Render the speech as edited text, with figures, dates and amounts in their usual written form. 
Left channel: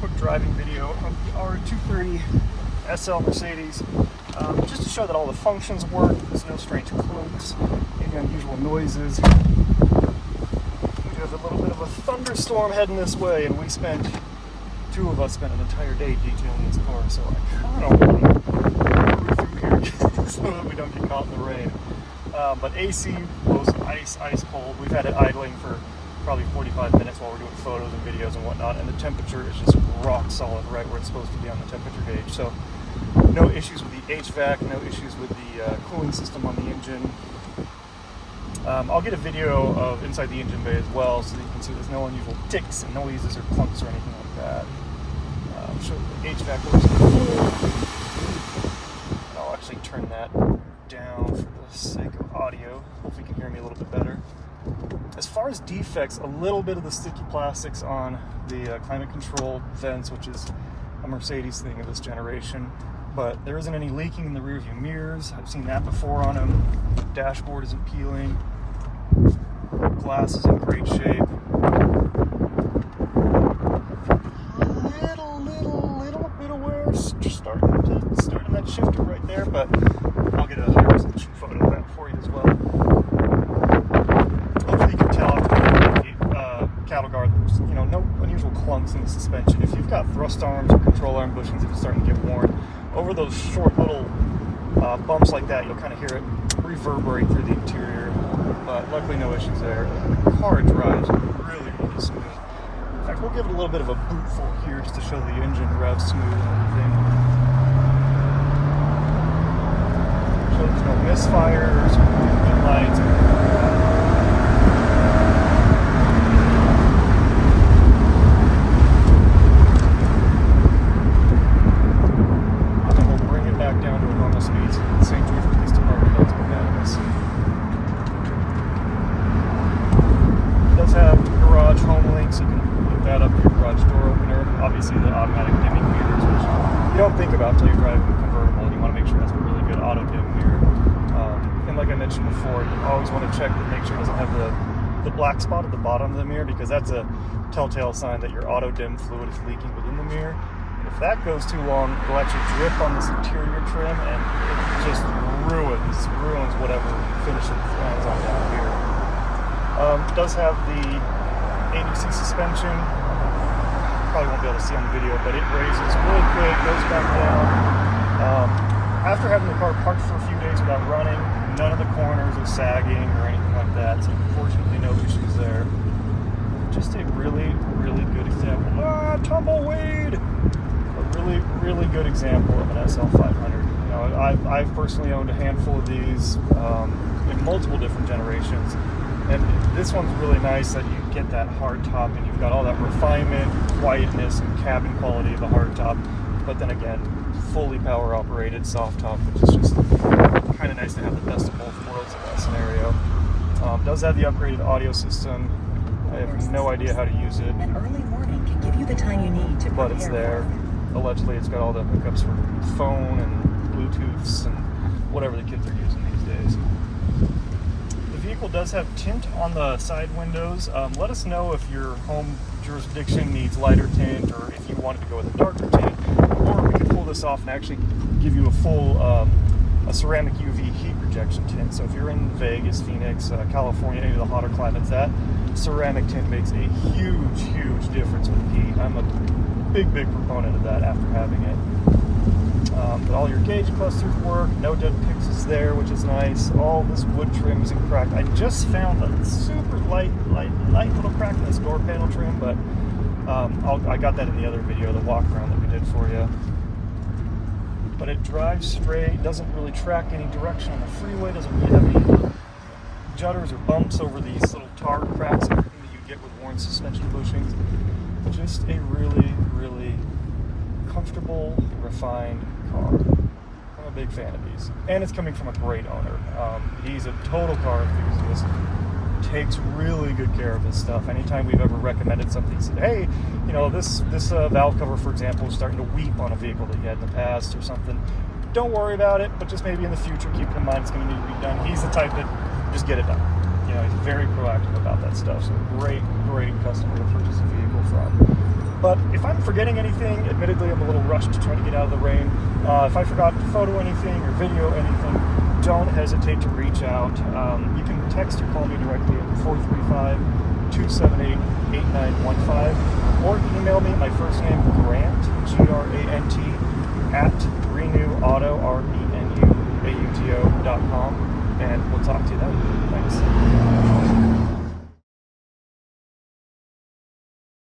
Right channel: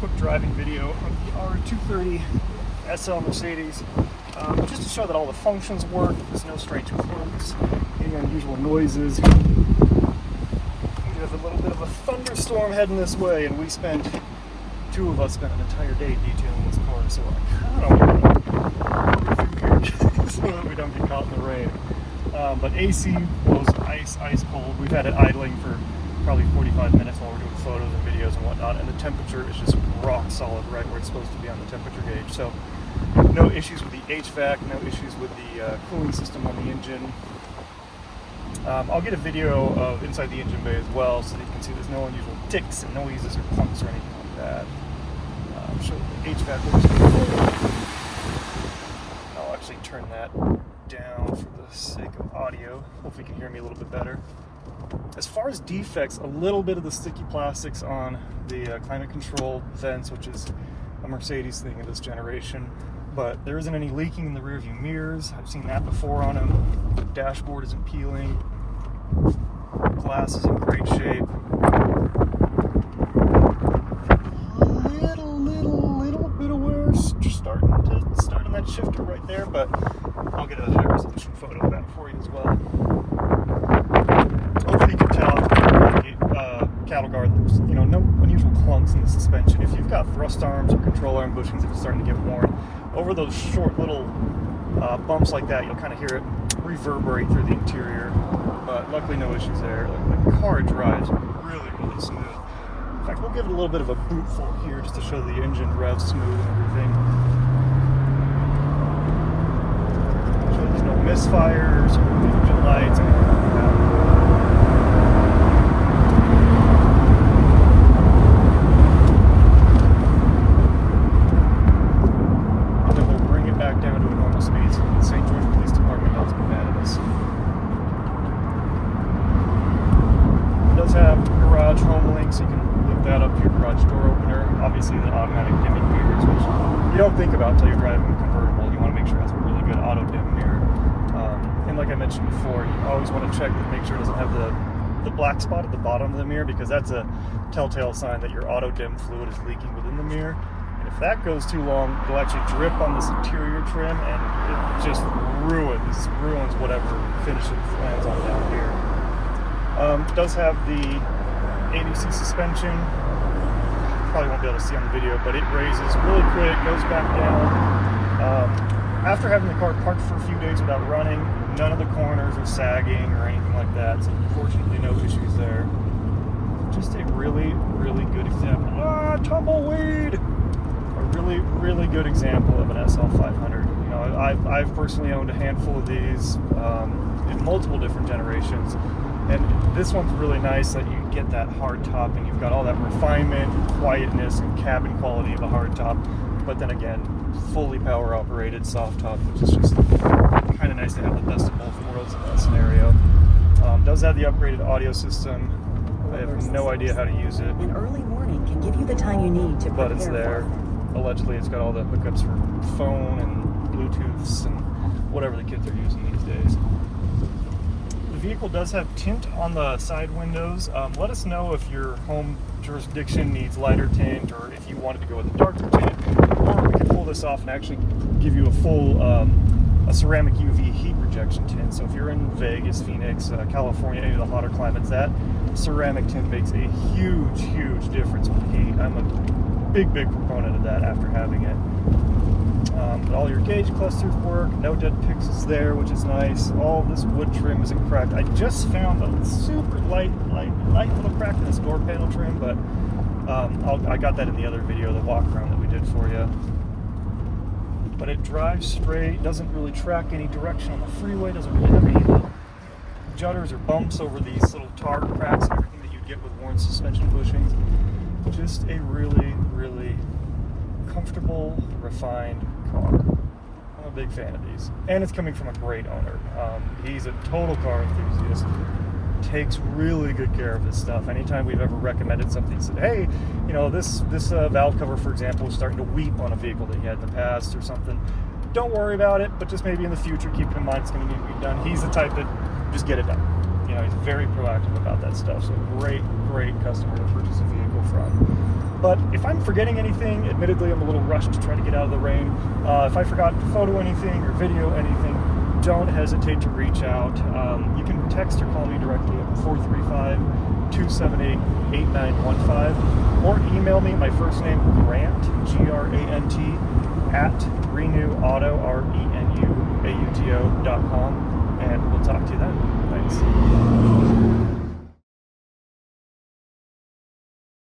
quick driving video of R230 SL Mercedes, just to show that all the functions work. There's no strange clunks, any unusual noises. We have a little bit of a thunderstorm heading this way, and two of us spent an entire day DJing this car, so I kind of want to through here so that we don't get caught in the rain. But AC was ice cold. We've had it idling for probably 45 minutes while we're doing photos and videos and whatnot, and the temperature is just rock solid right where it's supposed to be on the temperature gauge. So no issues with the HVAC, no issues with the cooling system on the engine. I'll get a video of inside the engine bay as well, so you can see there's no unusual ticks and noises or clunks or anything like that. I'll show you the HVAC works. I'll actually turn that down for the sake of audio. Hopefully you can hear me a little bit better. As far as defects, a little bit of the sticky plastics on the climate control vents, which is a Mercedes thing of this generation, but there isn't any leaking in the rear view mirrors. I've seen that before on them. The dashboard isn't peeling. Glass is in great shape. Little bit of wear starting that shifter right there, but I'll get a high resolution photo of that for you as well. Hopefully you can tell cattle guard, there's no unusual clunks in the suspension. If you've got thrust arms or control arm bushings, if it's starting to get worn, over those short little bumps like that, you'll kind of hear it reverberate through the interior. But luckily no issues there. The car drives really smooth. In fact, we'll give it a little bit of a bootful here just to show the engine revs smooth and everything. So there's no misfires or engine lights. Think about until you're driving a convertible. You want to make sure it's a really good auto dim mirror. And like I mentioned before, you always want to check to make sure it doesn't have the black spot at the bottom of the mirror, because that's a telltale sign that your auto dim fluid is leaking within the mirror. If that goes too long, it'll actually drip on this interior trim and it just ruins whatever finish it lands on here. It does have the ABC suspension. Probably won't be able to see in the video, but it raises really quick, goes back down. After having the car parked for a few days without running, none of the corners are sagging or anything like that, so unfortunately no issues there. Just a really good example. Tumbleweed! A really good example of an SL500. I've personally owned a handful of these in multiple different generations, and this one's really nice that you get that hard top and you've got all that refinement, quietness, and cabin quality of a hard top, but then again, fully power operated soft top, which is just kind of nice to have the best of both worlds in that scenario. Does have the upgraded audio system. I have no idea how to use it. An early warning can give you the time you need to prepare. But it's there. Allegedly, it's got all the hookups for phone and Bluetooths and whatever the kids are using these days. The vehicle does have tint on the side windows. Let us know if your home jurisdiction needs lighter tint, or if you wanted to go with a darker tint, or we can pull this off and actually give you a full a ceramic UV heat rejection tint. So if you're in Vegas, Phoenix, California, any of the hotter climates, that ceramic tint makes a huge difference with heat. I'm a big proponent of that after having it. But all your gauge clusters work, no dead pixels there, which is nice. All this wood trim isn't cracked. I just found a super light little crack in this door panel trim, but I got that in the other video, the walk around that we did for you. But it drives straight, doesn't really track any direction on the freeway, doesn't really have any jutters or bumps over these little tar cracks and everything that you get with worn suspension bushings. Just a really comfortable, refined car. I'm a big fan of these. And it's coming from a great owner. He's a total car enthusiast. Takes really good care of his stuff. Anytime we've ever recommended something, said, hey, this valve cover, for example, is starting to weep on a vehicle that you had in the past or something. Don't worry about it, but just maybe in the future, keep in mind it's going to need to be done. He's the type that just get it done. He's very proactive about that stuff. So great customer to purchase a vehicle from. But if I'm forgetting anything, admittedly I'm a little rushed to try to get out of the rain. If I forgot to photo anything or video anything, don't hesitate to reach out. You can text or call me directly at 435-278-8915, or email me, my first name, Grant, Grant, @renewauto,